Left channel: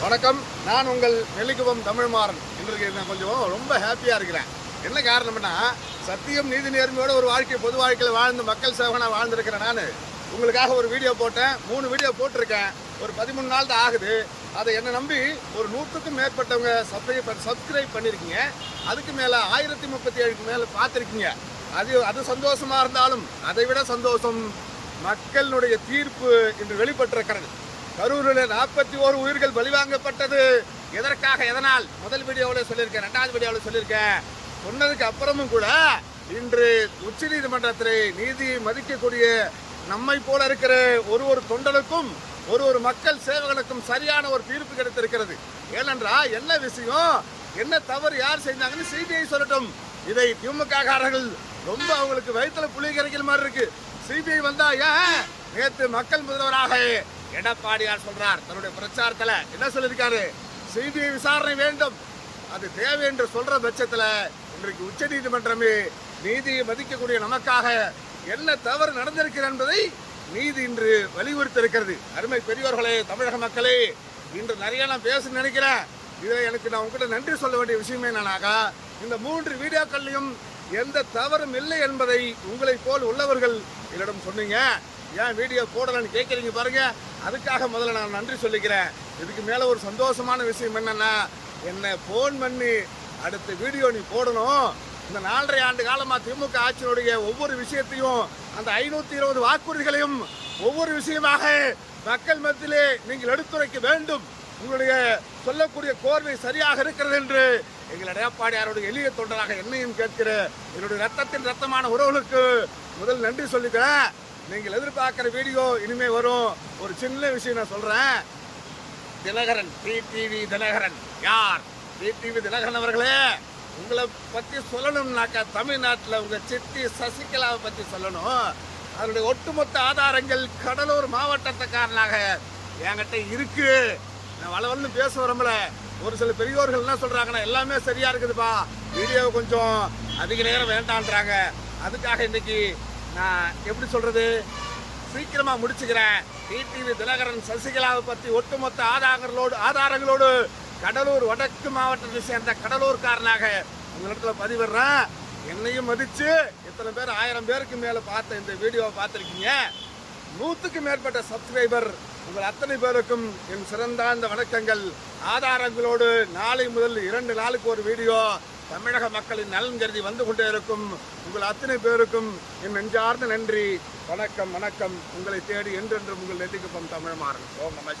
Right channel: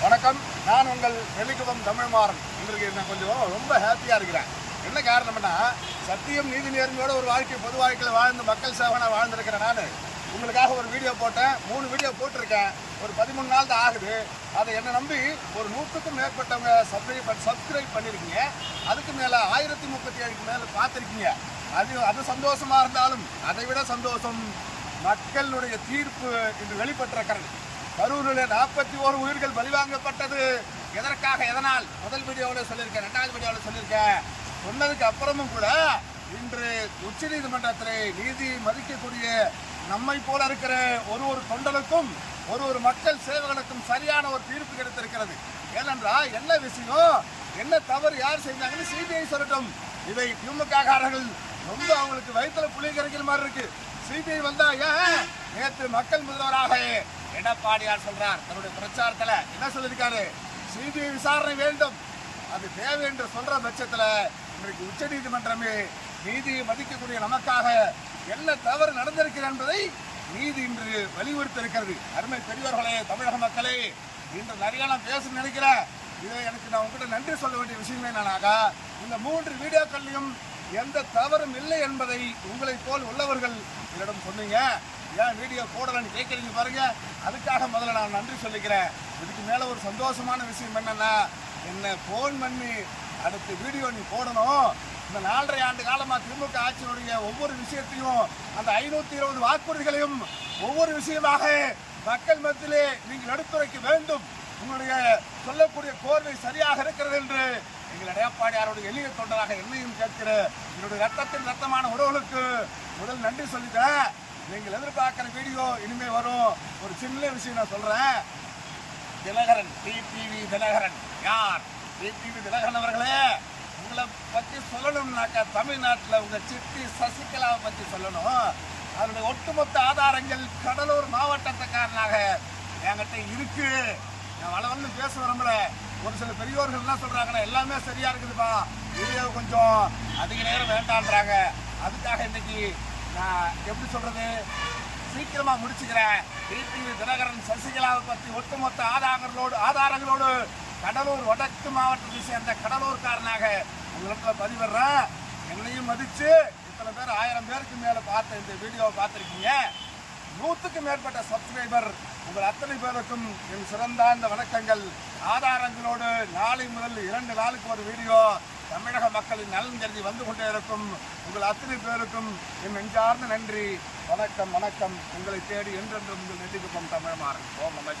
வணக்கம். நான் உங்கள் நெல்லிக்குப்பம் தமிழ்மாறன். எங்களுக்கு நான் கொஞ்சம் ரொம்ப ஹாப்பியாக இருக்கிறேன். என்ன காரணம்னா சத்தியம் நீதி நேர்மையோட ஒரு வாழ்க்கை பொது வாழ்க்கையில் வாழ்ந்து மக்கள் சேவனாக வாழ்ந்திருக்கிறேன் நான். உங்களுக்காக ஒரு வீடியோ போட்டேன். மூணு வீடியோ போட்டிருக்கேன். ஒரு பதிமூணு நாள் தான் ஆகுது. அதை என்னை நம்பி ஒரு நூற்றுக்கும் மேற்பட்டவங்க சப்ளை சப்ஸ்கிரைப் பண்ணியிருக்கீங்க அதுக்கு மேலே ஆயிரத்தி முப்பத்தி ஏழுக்கு மேலே பார்த்துருக்கீங்க. அது அது சந்தோஷமாக இருந்தாலும் அதை விட சந்தோஷம் மக்களுடைய தீர்ப்பு இன்று வெளிப்பட்டிருக்கிறது. கரூரில் நாற்பத்தி ஓரு உயிர்கள் பலிவாங்கப்பட்டது. எதற்காக? எதனால்? முதல் வீடியோவில் சொல்லியிருக்கேன் ரெண்டாவது வீடியோவில் சொல்லியிருக்கேன். சொன்னதுக்கு அப்புறமும் கூட இன்று உச்ச நீதிமன்றத்தில் நீதி மதிக்கக்கூடிய நம்மை போல இருக்கிற ஒரு ஒரு தொண்டனுக்கும் ஒரு ஒரு மக்கள் சேவகனுக்கும் சரியான ஒரு தீர்ப்பு கிடைத்திருக்கிறது. ஏனென்றால் என்ன விஷயம்? என்ன தவறு யார் செஞ்சாங்கன்னு சிபிஐ சொல்லட்டும். இதை திமுககாரர்கள் ரொம்ப அவங்களுக்கு வயிற்றுல புளி கிடைக்கிற மாதிரி இருக்கு. சிபிஐ வந்தா ஏன்? நேற்று மக்கள் முதல்வராக எடப்பாடியார் சொல்றார். தன்னுடைய பிரச்சாரத்துல என்ன சொல்லியிருக்காரு? சிபிஐ விசாரணை வேண்டும். அது தேவை என்று சொல்ற பட்சத்துல இன்றைக்கு உச்ச நீதிமன்றமே நீதியை மதிக்கக்கூடிய நமக்காக என்ன தவறு நடந்திருக்கிறது என்பதை நீதி இன்று வலியுறுத்தி இருக்கிறது அருமை பெரியோர்களே தமிழக மக்களே இன்று நிறைய நான் பேச நினைக்கிறேன். இதை எனக்கு நான் உங்ககிட்ட நன்றி சொல்ல வேண்டிய விஷயமே என்னன்னாக்கா இந்த மூன்று வீடியோக்கள்லையும் எந்த தவறும் இல்லை என்பதை உங்களைப் போல் உள்ளவர்கள் என்னிடம் சொன்னீங்க. ஏன் வீடியோ போடலன்னு கேட்குறீங்க பாருங்க. அதுக்காக முதல்ல நான் நன்றி சொல்லிக்கிறேன். இதுக்கு மேலே ஒரு சந்தோஷமான விஷயம் என்னென்னா என்னை ஃபோன் பண்ணி அடுத்த வீடியோ நீ போடணும். இந்த நாலரை ஆண்டு காலமாக திமுக ஆட்சியினுடைய ஒவ்வொரு விஷயத்தையும் அந்த ஐநூற்றி இருபது வாக்குறுதிகளையும் ஒவ்வொரு விஷயமாக மக்கள் மத்தியிலே நீங்கள் எடுத்துரைக்க வேண்டும். உங்களுடைய சொல்லக்கூடிய கோர்வை சரியாக இருக்கிறது என்று எங்கள் எடப்பாடியாருடைய எளிய தொண்டராக என்னையும் கேட்கிற என்னுடைய ரத்தத்தின் ரத்தமான உறவுகளுக்கு முதல் நன்றி சொல்லிக்கிறேன். நீங்கள் எதிர்பார்க்குற வீடியோ இனிமேல் வரும். ஒரு சின்ன விஷயம் நான் சொல்கிறேன் தினகரன் டிடிவி தினகரன். யார்? டிடிவி தினகரன் அவர்களே உங்களை பற்றி சொல்லணும்னாக்கா தமிழ்நாட்டில் உங்கள் சிட்டி சசிகலாவை பற்றி சொல்லணும். அதனுடைய ஒட்டுமொத்த ஆதாரங்கள் கடலூர் மாவட்டத்துக்காரனாக என்கிட்ட இருக்கு. நான் வளவல்னு பேச வரம்பல. ஒரு சில பெரியோர்கள் என்ன சொல்கிறாங்கன்னா எல்லாமே சரியாக இருக்குதுப்பா. வீடியோ கொஞ்சம் அதிக நேரம் வேண்டான்றாங்க. அதுக்காக இன்னைக்கு நான் எப்படி சொல்கிறது சீக்கிரமாக முடிச்சுக்கிறேன். டிடிவி தினகரன் சசிகலாவை பற்றி ஒட்டுமொத்த ஆதாரங்களோடு ஆதாரங்களோடு கடலூர் வடக்கு மாவட்டத்தை சேர்ந்த கடலூர்காரனாக உங்களிடத்தில் பதிவிடுறேன். என்னையும் மதித்து இத்தனை பேர் ஆயிரம் பேருக்கு மேலே பார்த்த இந்த வீடியோவை பார்த்துருக்கீங்க. நூற்றுக்கு மேற்பட்ட சப்ஸ்கிரைபர் உங்கள் அத்தனை பேருக்கும் என் சிறந்தாந்த வணக்கங்கள். ஆதாரங்களோடு நாளை முதல் இரண்டு நாளுக்கு ஒரு வீடியோ தமிழக மக்களின் நலன் கருதி வந்து கொண்டே இருக்கும் உங்கள் அத்தனை பேருக்கும் என் நெஞ்சார்ந்த நன்றி. வணக்கம் வணக்கம். உங்களை தேடி என்றென்றும் உங்கள் நெட்டிக்குப்பம் தமிழ் மாறன் ஓம் நம